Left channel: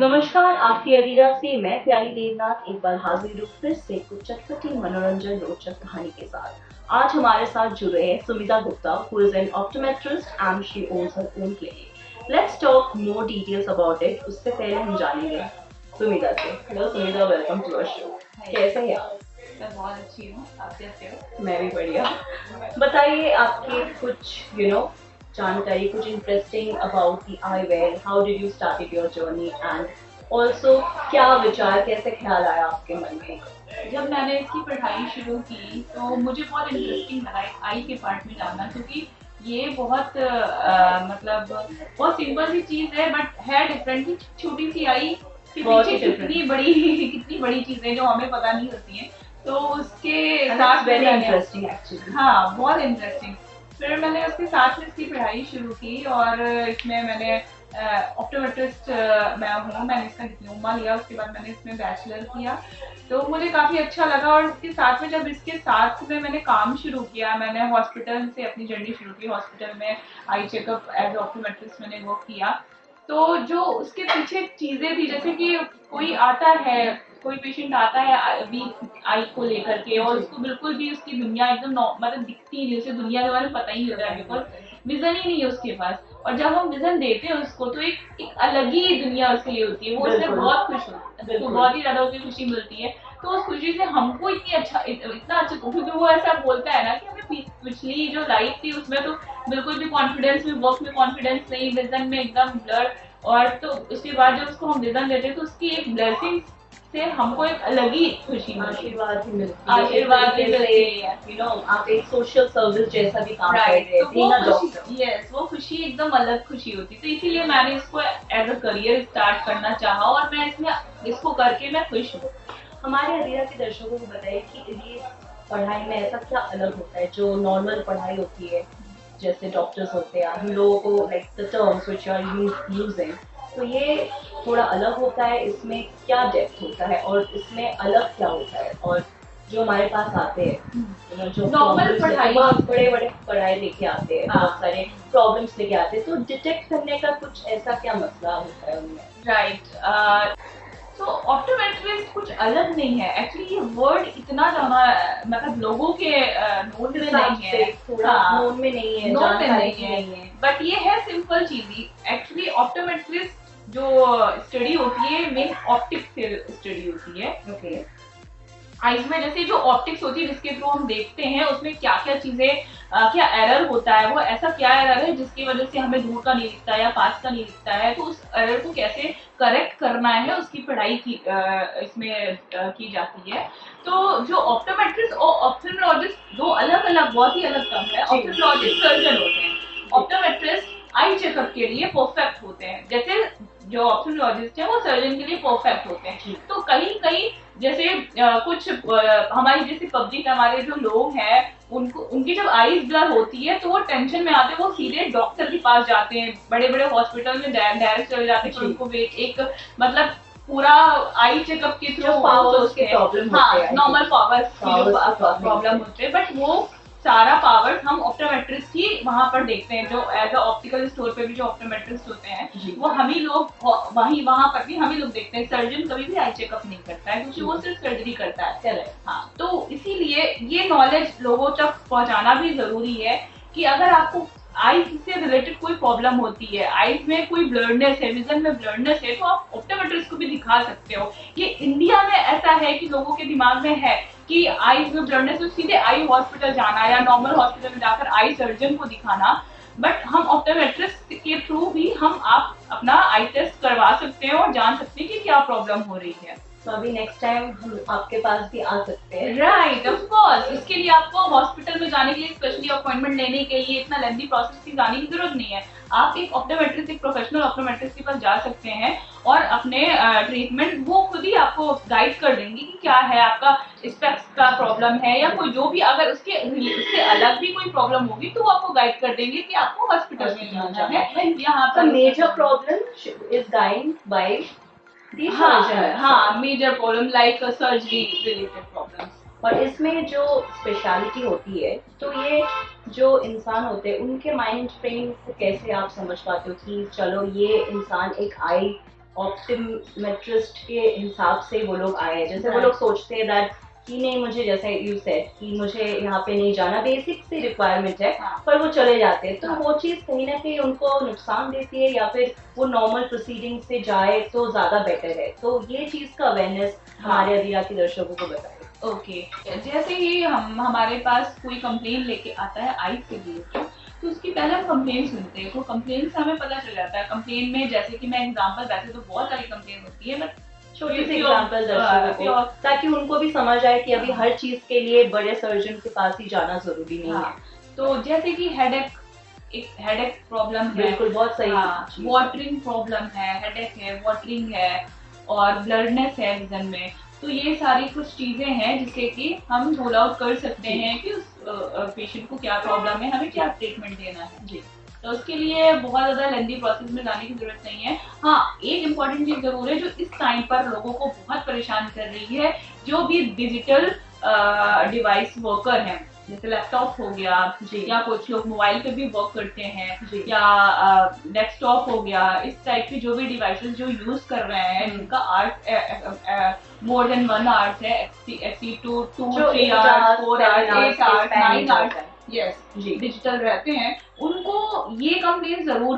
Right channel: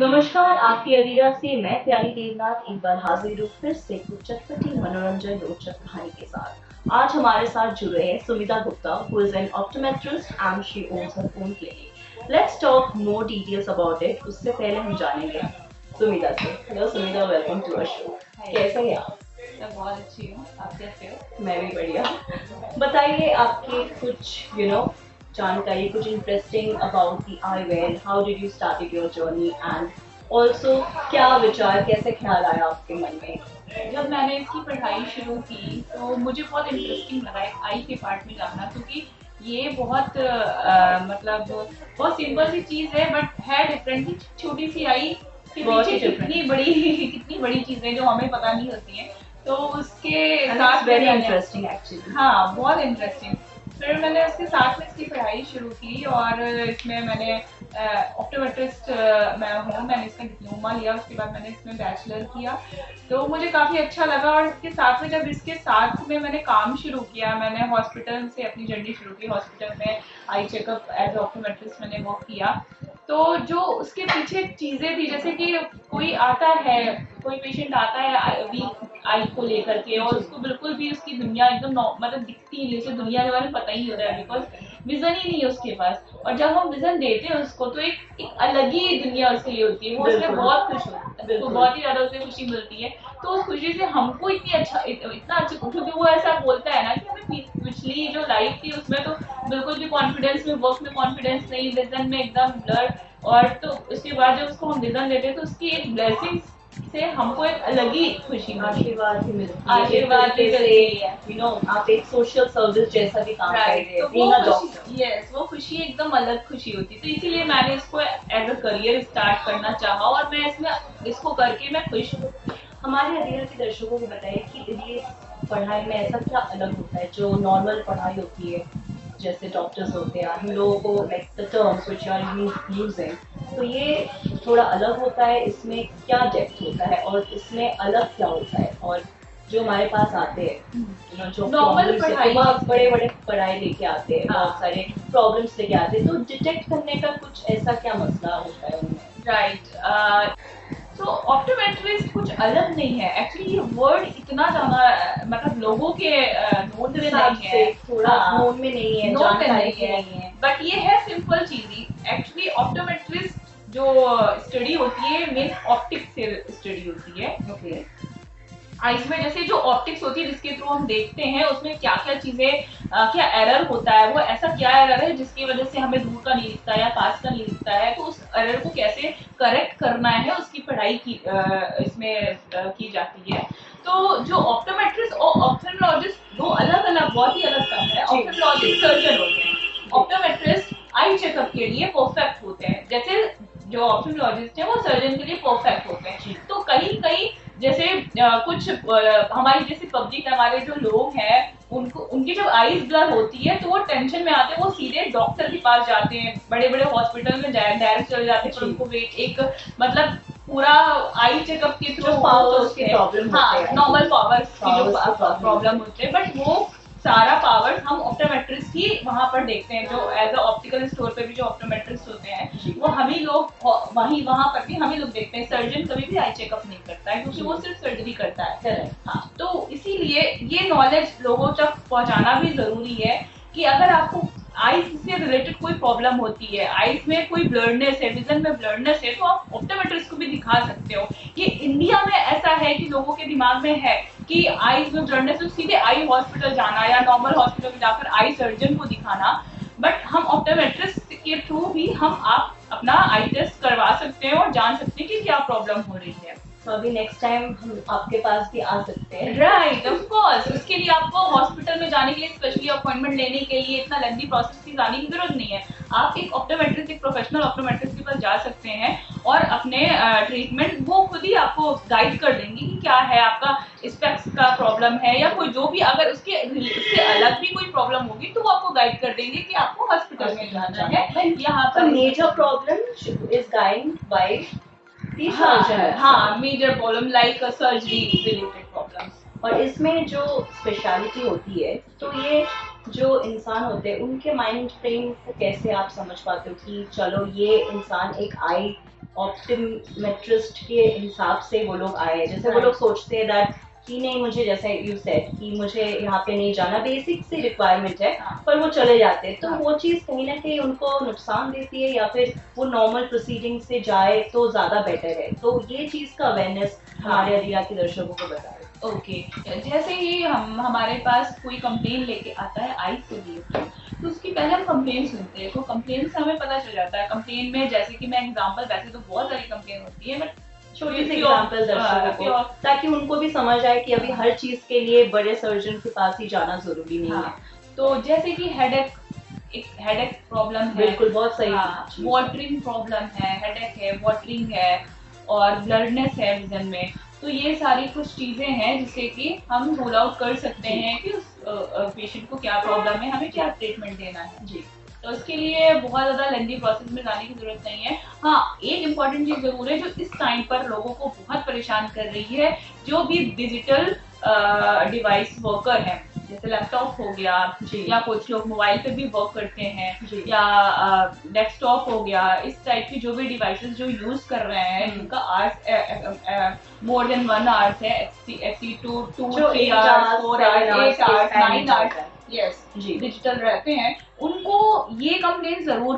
नमस्कार, आपकी अरीरा से मैं प्यारी देवनाथ एक बार हाजिर हूँ फिर से कुछ चटपटी मनोरंजन रोचक कहानी के साथ। आज हमारे साथ जुड़े हैं Sumita Gupta, who is an optometrist and she owns her own clinic. Let's talk more details about it. उससे पहले हम जानेंगे सुमिता से। Hello Sumita, welcome to our show. कैसे हैं आप? मैं बहुत अच्छी हूँ। आप कैसे हो? मैं भी बढ़िया। बताइए आपकी कुछ जानकारी, कुछ interesting about the eyewear. How did you started your journey and also क्या विचार, कैसे ख्याल आया आपके मन में? जब मैंने इसकी पढ़ाई शुरू की तो मुझे बहुत इंटरेस्टिंग लगा एक आई के पार्ट में जानना, क्योंकि ये बहुत मतलब बहुत सिंपल सी चीज़ है बट है डिफरेंट। छोटी सी आई के बहुत ही पीछे different। कितनी बड़ी चीज़ें जो हमें पता नहीं होती हैं, तो उसके And साथ it's में very मैंने interesting actually। हाँ, बहुत इंटरेस्टिंग। फिर मैंने उसके साथ में इसकी पढ़ाई शुरू की और इसमें मैंने ऑप्टोमेट्रिस्ट मैं हूँ, मैंने इसका डिप्लोमा लिया, उसके बाद मैंने इसमें बैचलर किया। तो मुझे काफ़ी अच्छा लगा और इसके साथ में जब इसके साथ में मैंने काम शुरू किया, मैंने हॉस्पिटल से अपनी जर्नी शुरू की। हॉस्पिटल में आई चेकअप एज ऑप्टोमेट्रिस्ट मैंने वो किया। तो जो उसके पीछे चीज़ें थी, जैसे कि कोई आता है, कोई पेशेंट आता है वीक आई को लेकर के और उसको बिल्कुल भी उसकी दुनिया एकदम मतलब दिखती नहीं, उसे दुनिया के बारे में पता ही नहीं होता है, बिकॉज विजन ही नहीं है उसके पास। और जब हम विजन देते हैं उसको तो एक अलग ही दुनिया उसके लिए होती है, वो उससे बहुत खुश होता है, तो बहुत ही ज्यादा उसे खुशी मिलती है। तो उस खुशी से हमको इतना अच्छा, क्योंकि वो ऐसा बोलता है ना कि हमें पिछली जो लाइफ थी उसमें तो बिल्कुल भी कॉन्फिडेंस में, वर्क में कॉन्फिडेंस नहीं, विजन में एकदम ब्लर। और तो उसके बाद जब उसको हम विजन देते हैं तो उसकी एक ब्लेसिंग से हमको एक अलग ही खुशी मिलती है, आशीर्वाद ही मिलती है, आशीर्वाद भी मिलती है। आप एक सोशल सर्विस जैसा भी काम कर राइट, रहे तो हैं बीइंग अ वो डॉक्टर। खुशी, यस, वो खुशी एकदम अलग खुशी होती है। तो इसीलिए मैंने इसको एज अ करियर स्टार्ट करना चाहा और मैं इसमें इसको करके मैं खुश हूँ। हमारे अधीरा के दर्शकों को बताइए कि ये पढ़ाई में ऐसा क्या अलग होता है जो नॉर्मल पढ़ाई होती है, जैसे डॉक्टर्स होते हैं, हम लोगों को like the terms which you are using, तो ये थोड़ा अलग होता है। इसमें क्या डेप्थ होता है और इसमें अलग क्या होता है? और जो हमारे पास आते हैं जो नॉर्मल पढ़ाई, बहुत बड़े बड़े पढ़ाई लेके आते हैं, हाँ, बहुत सारे प्रॉब्लम्स लेके आते हैं, तो डिटेक्ट करने का कुछ ऐसा क्या मसला होता है उनमें? राइट। तो ऑप्टोमेट्रिस्ट कुछ अलग नहीं है एक्चुअली। ये वर्ड इतना ज्यादा मतलब लोगों के नोन में नहीं है, थोड़ा नोन में नहीं है, नोन में जानकारी नहीं नहीं है। बट ये है सिंपल चीज ही। एक्चुअली ऑप्टोमेट्रिस्ट जो स्टडी होती है मेन ऑप्टिक से स्टडी होती है। ओके। आइज में जैसे जो ऑप्टिक्स होती है जिसके थ्रू हम देखते हैं उसमें क्या क्या चीजें, क्या एरर होता है, वो ऐसा क्या एरर है जिसकी वजह से हमें दूर का नहीं दिखता है या पास का नहीं दिखता है, तो उस एरर को कैसे करेक्ट करना है उसकी पढ़ाई की इसमें की जाती है। तो जो ऑप्टोमेट्रिस्ट और ऑप्थेल्मोलॉजिस्ट दो अलग अलग, बहुत ही अलग टर्म है। ऑप्थेल्मोलॉजिस्ट सर्जन होते हैं, ऑप्टोमेट्रिस्ट आई चेकअप के लिए परफेक्ट होते हैं, जैसे जो ऑप्थेल्मोलॉजिस्ट है वो सर्जन के लिए परफेक्ट होते हैं। तो कहीं कहीं जैसे कुछ हमारी जैसे पब्लिक, हमारे जो लोग हैं, उनको उनकी जब आईज ब्लर होती है तो वो टेंशन में आते हैं, वो सीधे डॉक्टर के पास जाते हैं, बड़े बड़े हॉस्पिटल में डायरेक्ट चले जाते हैं, पर उनको एक मतलब पूरा आई चेकअप के थ्रू पावर्स के प्रॉब्लम होते हैं, नॉर्मल पावर्स की जो प्रॉब्लम प्रॉब्लम होते हैं, बट वो सारा पावर हम ऑप्टोमेट्रिस्ट ही वहां पर देखते हैं। जो एज अ ऑप्टिकल स्टोर पे भी जो ऑप्टोमेट्रिस्ट होते हैं वो हम ही लोग वहां पर भी हम ही लोग देखते हैं। सर्जन कभी भी आई चेकअप नहीं करता है क्योंकि वो सिर्फ सर्जरी करता है। करेक्ट। हाँ, तो इसीलिए ये नॉलेज लोगों तक पहुंचाना भी जरूरी है कि अगर आपको आईज से रिलेटेड कोई प्रॉब्लम होती है, आईज में कोई ब्लरनेस है, विजन में ब्लरनेस है, तो आप ऑप्टोमेट्रिस्ट को भी दिखा सकते हो। ये इंडिया में ऐसा है कि लोगों के दिमाग में है कि आईज में ब्लरनेस तो सीधे आई हॉस्पिटल जाना या नॉर्मल हॉस्पिटल में जाकर आई सर्जन को दिखाना, बट हम ऑप्टोमेट्रिस्ट के थ्रू भी हम आप अपना आई टेस्ट करवा सकते हैं और जान सकते हैं कि क्या प्रॉब्लम हो रही है। तो अभी नेक्स्ट टाइम हम आपके पास भी आ सकते हैं। Right, of course. उसके लिए आपको हॉस्पिटल में जाने के लिए स्पेशली अपॉइंटमेंट लेने के लिए इतना लेंथी प्रोसेस की जाने की जरूरत नहीं है। आप एक ऑप्टोमेट्रिस्ट, एक प्रोफेशनल ऑप्टोमेट्रिस्ट के पास जा सकते हैं और अपने ट्रीटमेंट वो खुद ही आपको गाइड कर देंगे कि क्या है आपका स्पेक्स का प्रॉब्लम है या कोई जो भी, अगर उससे अलग भी कोई प्रॉब्लम होगी तो वो आपको गाइड कर देंगे कि आपको हॉस्पिटल में जाना है। यहाँ पर major problem is guide by हाँ, major problem like surgery related problems. और इसमें जो स्पेशलिटी होती है, तो ये जो इंसान होते हैं उनके माइंड फ्रेम को कैसे आप समझ पाते हो कि चलो ये इंसान एक आई ऑप्टोमेट्रिस्ट के हिसाब से वो लोग आए हैं, जैसे वो लोग सोचते हैं दैट कि नहीं, मुझे जैसे यू सेड कि मुझे यहाँ पे नहीं जाना, बेसिक सी रिक्वायरमेंट है, हाँ। पर वो चले जाते हैं, तो हाँ। वो चीज़ कहीं ना कहीं उनको नुकसान देती है, या फिर वो नॉर्मल प्रोसीडिंग से जाए तो ज़्यादा बेटर है। तो ये चीज़ का अवेयरनेस हमारे अधीरा के दर्शकों को बताए। ओके, जैसे ही हम हमारे पास कोई कंप्लेन लेके आता है आइज के लिए, तो उसकी पहले हम कंप्लेन सुनते हैं, तो कंप्लेन से हमें पता चल जाता है। कंप्लेन में जैसे कि मैं एग्जांपल, वैसे तो बहुत सारी कंप्लेन होती है, बट छोटी सी एग्जांपल दर्शकों को, ताकि उनको भी समझ आए कि अभी हर चीज के लिए बड़े सर्जन के पास ही जाना जरूरी नहीं है। तो जैसे कि हेडेक, एक हेडेक प्रॉब्लम है, बिल्कुल, बहुत सही। वाटरिंग प्रॉब्लम है, हेडेक है, वाटरिंग है, और ब्लडनेस है विजन में। तो ये सारी कुछ चीजें हैं जिससे कि हम रूल आउट कर सकते हैं कि उस पेशेंट को क्या प्रॉब्लम है, हमें क्या ट्रीटमेंट देना है। जी, तो उसके लिए बहुत ज़्यादा लेंथी प्रोसेस में जाने की जरूरत नहीं है। हाँ, एक इम्पॉर्टेंट चीज जरूर है जो इस टाइम पर लोगों को बहुत परेशान कर रही है, जो भी डिजिटल डिवाइस वर्कर हैं, जैसे लैपटॉप हो गया, या कुछ लोग मोबाइल पे भी वर्क करते हैं, या डेस्कटॉप हो गया, इस टाइप की जो भी डिवाइसेस जो यूज कर रहे हैं, जिनका आवर्स मोर देन 1 आवर्स है, एक्सी 2 3 hours 4 hours 8 hours 9 hours, yes, digital रहते हैं, उनको ये कंप्लेन जरूर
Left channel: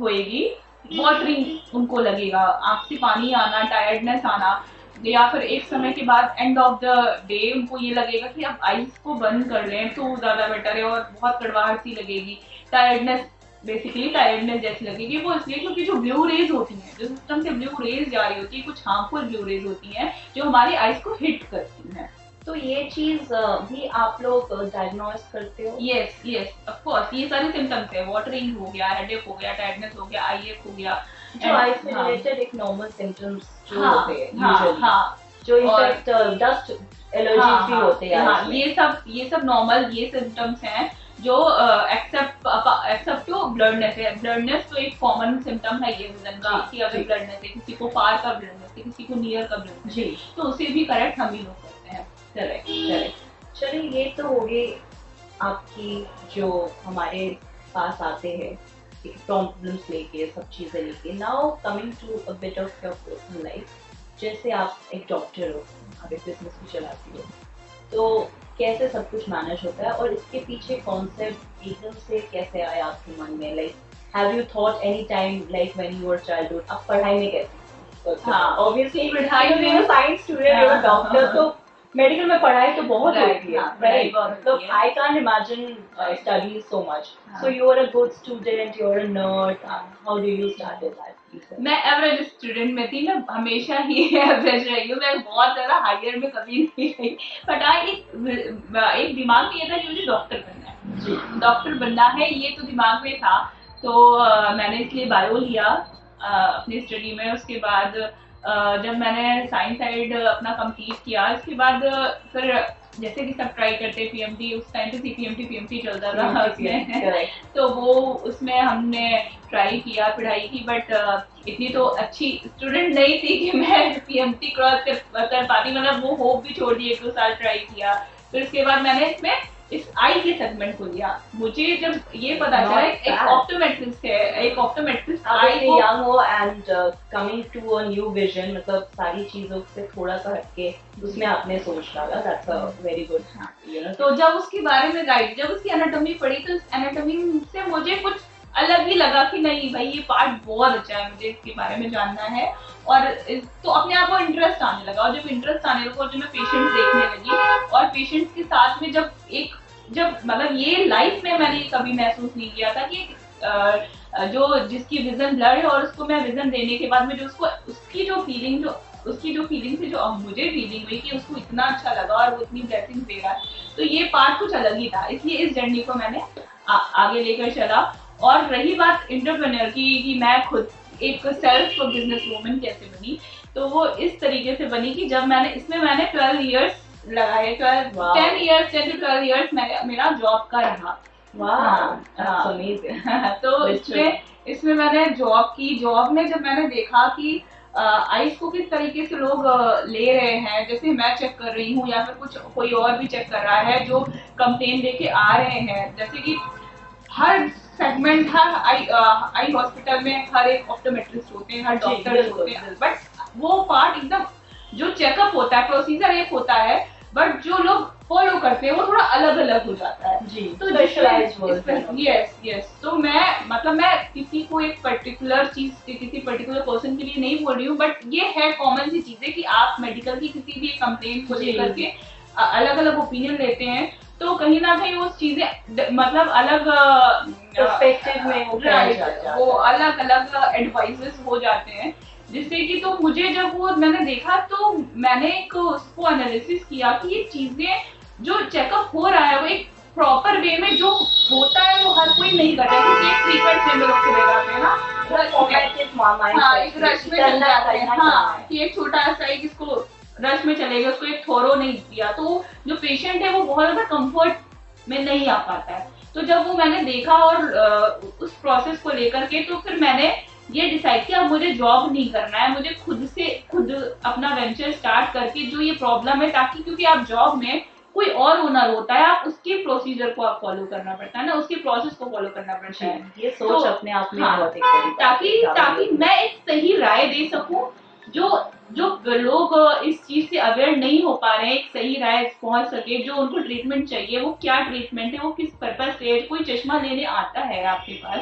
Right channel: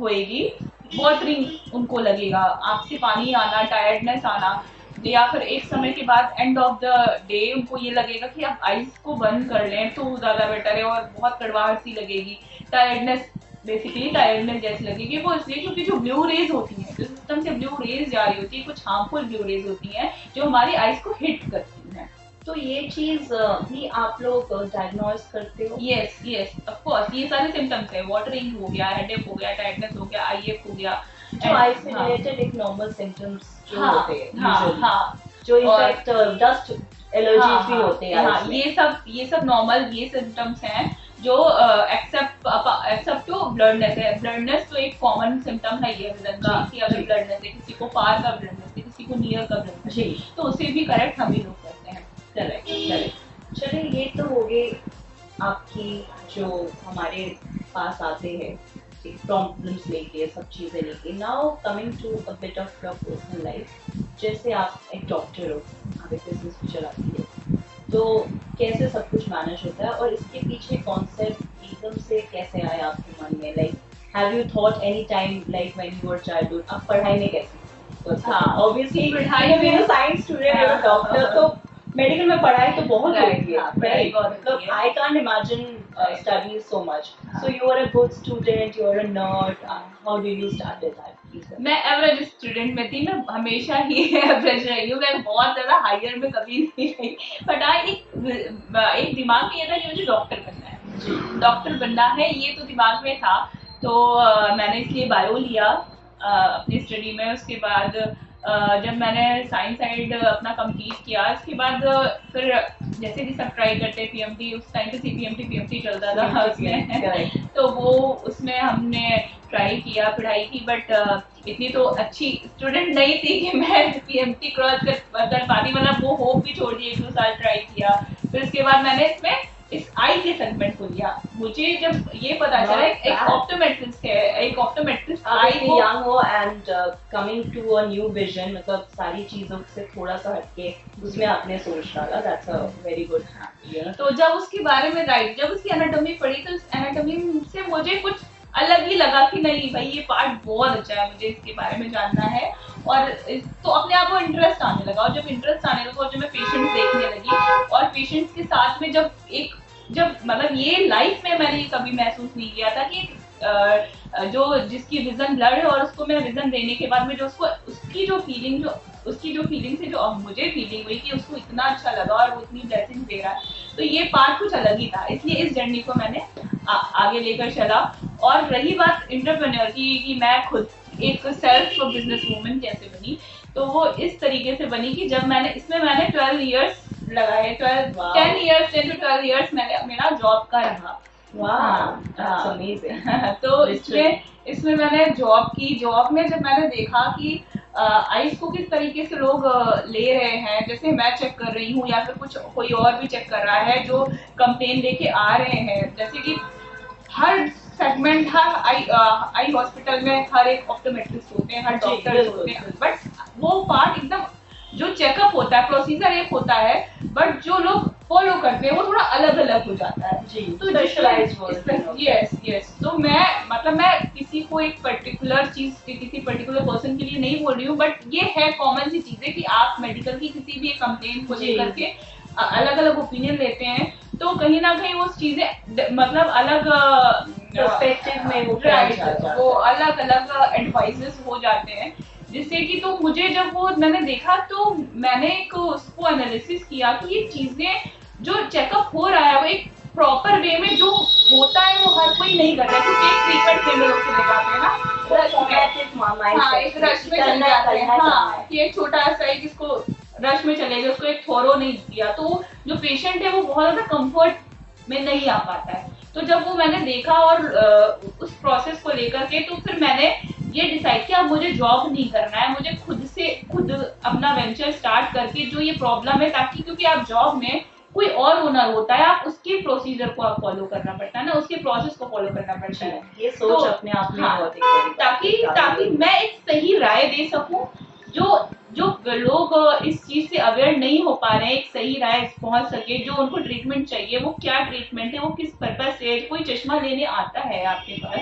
होएगी। वाटरिंग उनको लगेगा, आंख से पानी आना, टायर्डनेस आना, या फिर एक समय के बाद एंड ऑफ द डे उनको ये लगेगा कि अब आइज को बंद कर लें तो ज्यादा बेटर है, और बहुत कड़वाहट सी लगेगी, टायर्डनेस, बेसिकली टायर्डनेस जैसी लगेगी। वो इसलिए क्योंकि जो ब्लू रेज होती हैं, जो सिस्टम से ब्लू रेज जा रही होती है, कुछ हार्मफुल ब्लू रेज होती हैं जो हमारी आइज को हिट करती हैं। तो ये चीज भी आप लोग डायग्नोज करते हो? यस यस, ऑफ कोर्स, ये सारे सिम्टम्स है, वाटरिंग हो गया, हेडेक हो गया, टायर्डनेस हो गया, आई हो गया, जो आई से रिलेटेड एक नॉर्मल सिम्टम्स जो होते हैं यूजुअली, जो इनफैक्ट डस्ट एलर्जी भी होते हैं, ये सब नॉर्मल ये सिम्टम्स हैं जो एक्सेप्ट टू ब्लडनेस है। ब्लडनेस तो एक कॉमन सिम्टम है ये विजन का, कि अगर ब्लडनेस है, किसी को पार का ब्लडनेस है, किसी को नियर का ब्लडनेस है, तो उसे भी करेक्ट हम ही लोग करते हैं। करेक्ट। चलिए, ये तो हो गई आपकी जो हमारे पास आते हैं प्रॉब्लम्स लेके, सब चीज़ें लेके। Now coming to a bit of your personal life, जैसे आप एक डॉक्टर हो, आप एक बिजनेस भी चलाती हो, तो कैसे सब कुछ मैनेज होता है, और इसके पीछे कॉन्सेप्ट एकदम से कैसे आया आपके मन में? Like have you thought any time, like when you were childhood, आप पढ़ाई में कैसे? ऑब्वियसली पढ़ाई में साइंस स्टूडेंट, डॉक्टर, तो मेडिकल में पढ़ाई तो बहुत होती है, मतलब I can't imagine study so much. So you are a good student, you are a nerd, how did you started that? मैं एवरेज स्टूडेंट में थी, मैं हमेशा ही एवरेज रही हूँ, मैं बहुत ज्यादा हायर में कभी नहीं गई, बट एक दिमाग में ये था कि मुझे डॉक्टर बनना है, डॉक्टर बनना है, ये तो दिमाग में था। तो मैंने इसलिए बायो लिया अपनी स्टडी में। उसके बाद जब मैंने साइंस साइड अपना कंप्लीट किया, इसके बाद फिर जैसे कि सब ट्राई करते पीएमटी, उस टाइम पे पीएमटी चलता था उसमें, तो वो उसमें हमने ट्राई किया, पढ़ाई की, बट इतनी तो अच्छी स्टूडेंट नहीं थी कि मैं पीएमटी क्रॉस कर पाती, मतलब वो होप भी छोड़ दी, 1-2 साल ट्राई किया। फिर उसके बाद मैंने इसमें इस आई के सेगमेंट को लिया। मुझे जब ये पता चला एक ऑप्टोमेट्रिस्ट है, एक ऑप्टोमेट्रिस्ट आई को यंग हो and coming to a new vision, मतलब सारी चीजों से थोड़ा सा हटके उसमें आपने सोच डाला, that's a very good, you know. तो जब उसके बारे में जब उसकी एनाटॉमी पढ़ी, तो उस एनाटॉमी से मुझे कुछ अलग ही लगा कि नहीं भाई, ये पार्ट बहुत अच्छा है, मुझे इसके बारे में जानना है। और तो अपने आप को इंटरेस्ट आने लगा, और जब इंटरेस्ट आने लगा और जब मैं पेशेंट्स देखने लगी, और पेशेंट्स के साथ में जब मतलब ये लाइफ में मैंने कभी महसूस नहीं किया था कि जो जिसकी विजन ब्लड है, और उसको मैं विजन देने के बाद में जो उसकी जो फीलिंग थी, जो अब मुझे फीलिंग हुई कि उसको इतना अच्छा लगा और वो इतनी ब्लेसिंग दे रहा है, तो ये पार्ट कुछ अलग ही था। इसलिए इस जर्नी को मैंने आगे लेकर चला। और रही बात एंटरप्रेन्योर की, कि मैं खुद एक सेल्फ बिजनेस वूमन कैसे बनी, तो वो इस तरीके से बनी कि जब मैंने 12 इयर्स लगाए, 10 to 12 इयर्स मेरा जॉब का रहा। तो इसमें मैंने जॉब में जब मैंने देखा कि आइस को किस तरीके से लोग ले रहे हैं, जैसे मैं चेक कर रही हूँ या फिर कोई और भी चेक कर रहा है, जो कंप्लेन लेके आ रहे हैं, जैसे कि हर सेगमेंट हर आई हॉस्पिटल में हर एक ऑप्टोमेट्रिस्ट होते हैं, हर डॉक्टर होते हैं, बट वो पार्ट एकदम जो चेकअप होता है, प्रोसीजर एक होता है, बट जो लोग फॉलो करते हैं वो थोड़ा अलग अलग हो जाता है जी, तो स्पेशलाइज्ड वर्जन। यस यस, तो मैं किसी को एक पर्टिकुलर चीज किसी पर्टिकुलर पर्सन के लिए नहीं बोल रही हूँ, बट ये है कॉमन सी चीजें कि आप मेडिकल की किसी भी कंप्लेन को जी। लेकर के अलग अलग ओपिनियन लेते हैं, तो कहीं ना कहीं वो चीजें मतलब अलग पर्सपेक्टिव में वो राइट, जाता है। वो अलग अलग एडवाइसेस हो जाते हैं, जिससे कि तो मुझे जब वो मैंने देखा तो मैंने एक उसको एनालिसिस किया कि ये चीजें जो चेकअप हो रहा है वो एक प्रॉपर वे में जो होता है वो हर कोई नहीं करता है, क्योंकि एक फ्रीक्वेंट में लोग चले जाते हैं ना हाँ, एक रश में चले जाते हैं, हाँ कि एक छोटा सा एक इसको रश में चले गए, उसको एक थोरो नहीं दिया, तो जो पेशेंट है वो बहुत ज्यादा कंफर्ट में नहीं आ पाता है। तो जब वो मैंने देखा और उस प्रोसेस को लेकर के तो फिर मैंने ये डिसाइड किया मुझे जॉब नहीं करना है, मुझे खुद अपना वेंचर स्टार्ट करके जो ये प्रॉब्लम है, ताकि क्योंकि आप जॉब में कोई और ओनर होता है, आप उसके प्रोसीजर को आप फॉलो करना पड़ता है ना, उसके प्रोसेस को फॉलो करना पड़ता है, ये सोच अपने आप में हाँ, बहुत एक बड़ी बात ताकि है, ताकि मैं एक सही राय दे सकूं, जो जो लोग इस चीज से अवेयर नहीं हो पा रहे हैं, एक सही राय पहुंच सके, जो उनको ट्रीटमेंट चाहिए वो क्या ट्रीटमेंट है, वो किस पर्पज से, कोई चश्मा लेने आता है आपके पास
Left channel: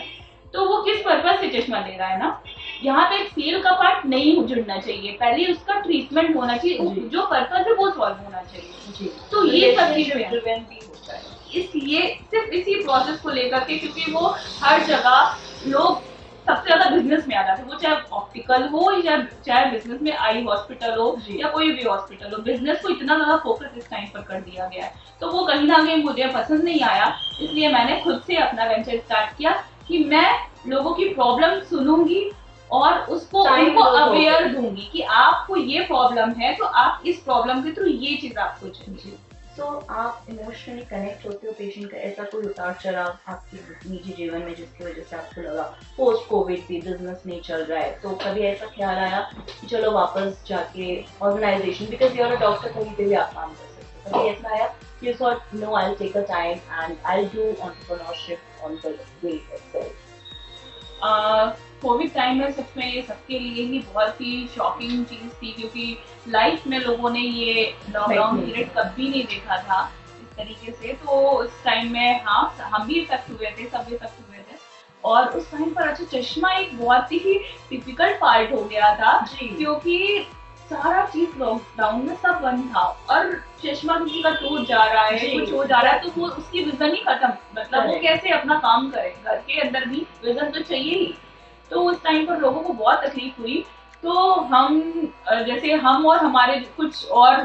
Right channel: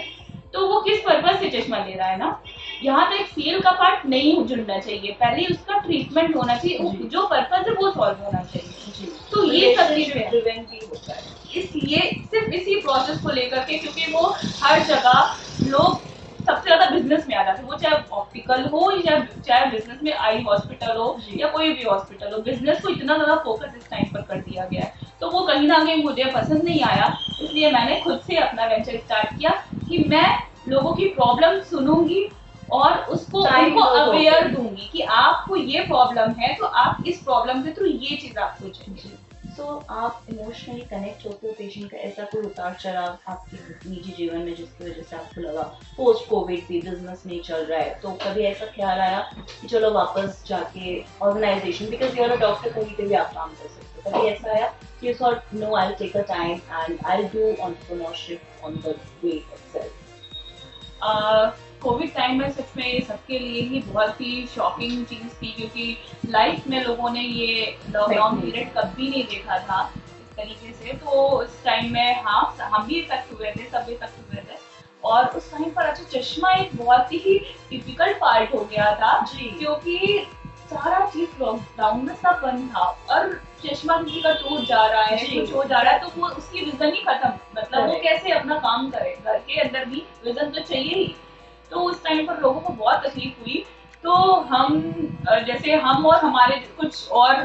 तो वो किस पर्पज से चश्मा ले रहा है ना, यहाँ पे एक सेल का पार्ट नहीं जुड़ना चाहिए, पहले उसका ट्रीटमेंट होना चाहिए, जो पर्पज है वो सॉल्व होना चाहिए जी। तो ये सब ड्रिवन भी होता है, इसलिए सिर्फ इसी प्रोसेस को लेकर के, क्योंकि वो हर जगह लोग सबसे ज्यादा बिजनेस में आ जाते हैं, वो चाहे ऑप्टिकल हो या चाहे बिजनेस में आई हॉस्पिटल हो या कोई भी हॉस्पिटल हो, बिजनेस को इतना ज्यादा फोकस इस टाइम पर कर दिया गया है, तो वो कहीं ना कहीं मुझे पसंद नहीं आया, इसलिए मैंने खुद से अपना वेंचर स्टार्ट किया कि मैं लोगों की प्रॉब्लम सुनूंगी और उसको उनको अवेयर दूंगी कि आपको ये प्रॉब्लम है तो आप इस प्रॉब्लम के थ्रू ये चीज आपको चाहिए। तो आप इमोशनली कनेक्ट होते हो पेशेंट का, ऐसा कोई उतार चढ़ाव आपके निजी जीवन में जिसकी वजह से आपको लगा पोस्ट कोविड भी बिजनेस नहीं चल रहा है, तो कभी ऐसा ख्याल आया कि चलो वापस जाके organization, because you are a doctor, कहीं पे भी आप काम कर सकते हो, कभी ऐसा आया कि you thought no I will take a time and I will do entrepreneurship on the way itself? Covid time में सच में ये सबके लिए ही बहुत ही शॉकिंग चीज थी, क्योंकि लाइफ में लोगों ने ये लॉकडाउन पीरियड कभी नहीं देखा था इस तरीके से, तो इस टाइम में हाँ हम भी इफेक्ट हुए थे, सब इफेक्ट हुए थे, और उस टाइम पर अच्छा चश्मा एक बहुत ही डिफिकल्ट पार्ट हो गया था, क्योंकि सारा चीज लॉकडाउन में सब बंद था और चश्मा किसी का टूट जा रहा है, कुछ हो जा रहा है, तो वो उसकी विजन ही खत्म, मतलब वो कैसे अपना काम करे, घर के अंदर भी विजन तो चाहिए ही, तो उस टाइम पर लोगों को बहुत तकलीफ हुई, तो हम जैसे हम और हमारे कुछ और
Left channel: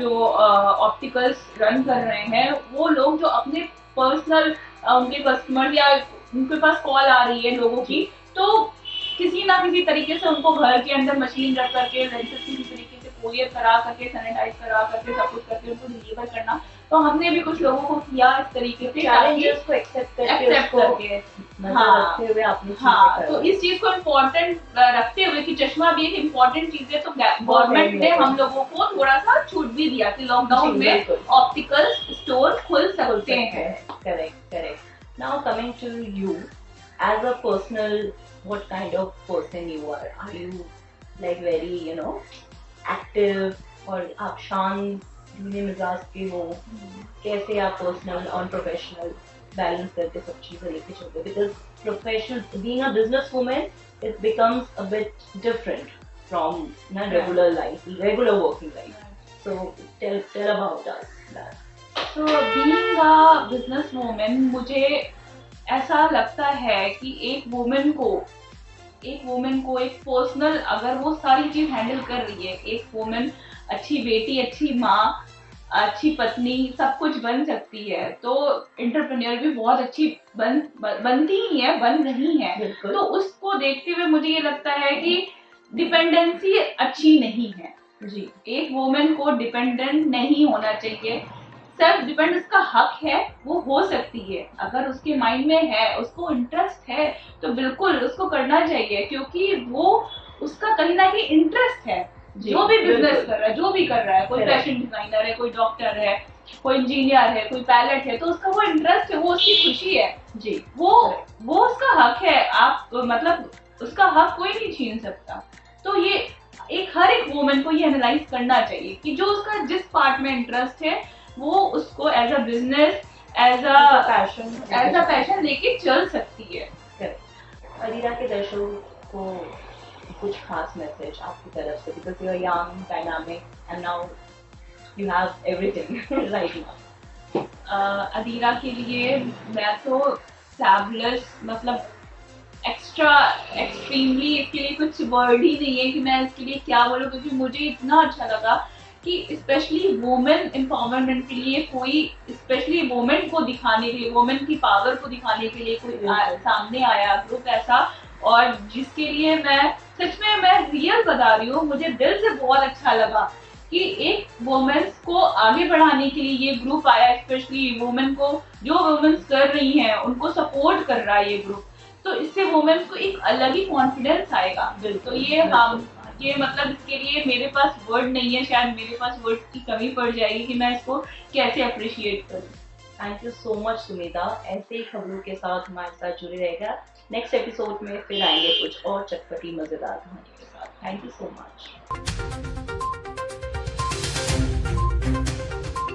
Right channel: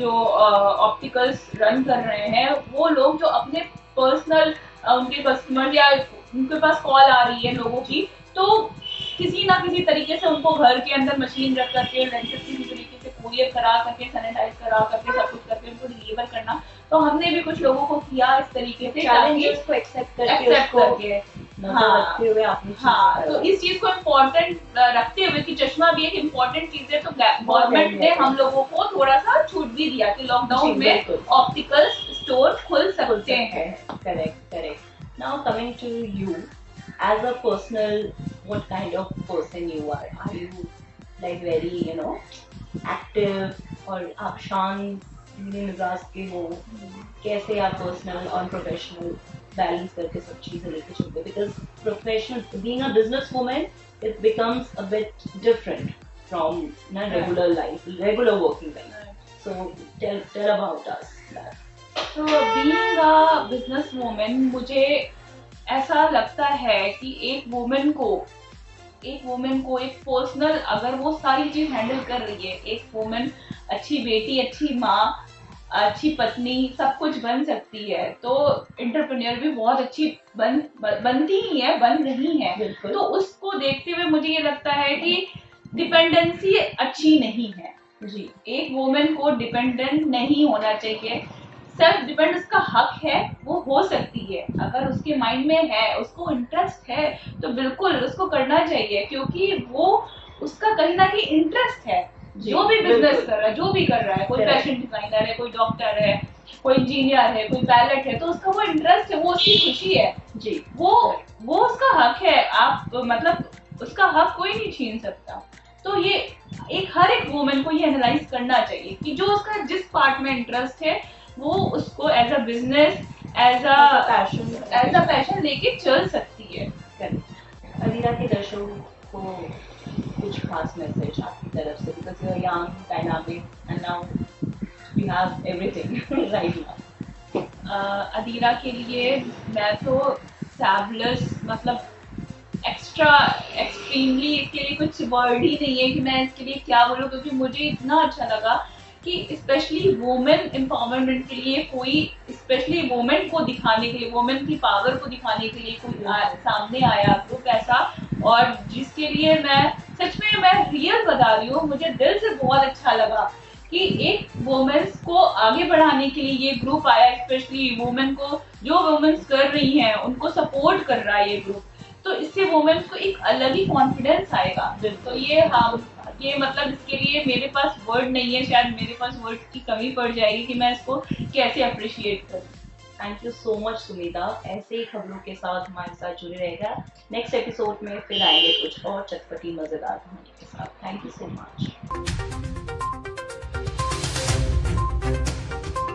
जो ऑप्टिकल्स रन कर रहे हैं वो लोग जो अपने पर्सनल उनके कस्टमर या उनके पास कॉल आ रही है लोगों की, तो किसी ना किसी तरीके से उनको घर के अंदर मशीन रख करके लेंसेज किसी तरीके से कोरियर करा करके सैनिटाइज करा करके सब कुछ करके उनको डिलीवर करना, तो हमने भी कुछ लोगों को किया इस तरीके से चैलेंजेस को एक्सेप्ट करके रखते हुए आपने तो इस चीज को इम्पोर्टेंट रखते हुए कि चश्मा भी एक इम्पोर्टेंट चीज है, तो गवर्नमेंट ने हम लोगों को थोड़ा सा छूट भी दिया कि लॉकडाउन में ऑप्टिकल स्टोर खुल सकते हैं। Correct. Now coming to you as a personal, what kind of person you are you like very active और आप शांत धीमे मिजाज के हो, कैसे आप पर्सनल और प्रोफेशनल बैलेंस करके सब चीजें लेके चलते हो, because professional being a business woman it becomes a bit different from regular life, regular working life, so tell about us that. So being a business woman, मुझे ऐसा लगता है कि एक वुमेन को एक पर्सनल, अगर वो सारी चीज हैंडल कर रही है, एक वुमेन अच्छी बेटी, अच्छी माँ, अच्छी पत्नी, सब कुछ बन सकती है, तो एंटरप्रेन्योर भी बहुत अच्छी बनती ही है, बन रही है, तो उसको देखते हुए मुझे ये लगता है कि डिपेंडेंसी अच्छी नहीं है जी, एक वुमेन को डिपेंडेंट नहीं होना चाहिए, सेल्फ डिपेंड उसका हक है, वो हो सकती है, अगर उसके माइंड में है, उसको इंटरेस्ट है, तो बिल्कुल उसको करना चाहिए, क्योंकि वो उसका कहीं ना कहीं इंटरेस्ट है, जो भी बिजनेस कर रहा है, जो भी कर रहा है, कोई फैशन डिजाइनर है, कोई डॉक्टर है, कोई इंजीनियर है, कोई पायलट है, तो उसका वो इंटरेस्ट है, वो उसकी खुशी है, जी, वो उसका हक है, आप मतलब उसका हक कोई नहीं छीन सकता। तो ये हर एक वुमन को ये एनालाइज करना चाहिए कि जो उसका जिस पार्ट में इंटरेस्ट है वो उसको as a business, as a passion लेके चल सकती है। करेक्ट। अदीरा के दर्शकों को कुछ खास मैसेज आपकी तरफ से, because you are young, dynamic and now you have everything right now. Adira के लिए मैं तो फैबुलस, मतलब एक्स्ट्रा, एक्सट्रीमली, इसके लिए कुछ वर्ड ही नहीं है कि मैं इसके लिए क्या बोलूँ, क्योंकि मुझे इतना अच्छा लगा कि स्पेशली वुमेन एम्पावरमेंट के लिए कोई, स्पेशली वुमेन को दिखाने के लिए, वुमेन की पावर को दिखाने के लिए कोई सामने आया ग्रुप ऐसा, और जिसके लिए मैं सच में, मैं रियल बता रही हूँ, मुझे दिल से बहुत अच्छा लगा कि एक वुमेन्स को आगे बढ़ाने के लिए ये ग्रुप आया, स्पेशली वुमेन को, जो वुमेन्स कर रही हैं उनको सपोर्ट कर रहा है ये ग्रुप। तो इससे वुमेन को एक अलग ही कॉन्फिडेंस आएगा। तो ये मतलब इसके लिए मेरे पास वर्ड नहीं है, शायद मेरे पास वर्ड की कमी पड़ जाएगी कि मैं इसको कैसे अप्रिशिएट करूँ। Thank you so much Sumita, ऐसे ही खबरों के साथ हमारे साथ जुड़े रहेगा। नेक्स्ट एपिसोड में फिर आएंगे कुछ और चटपटी मजेदार कहानी के साथ। Thank you so much.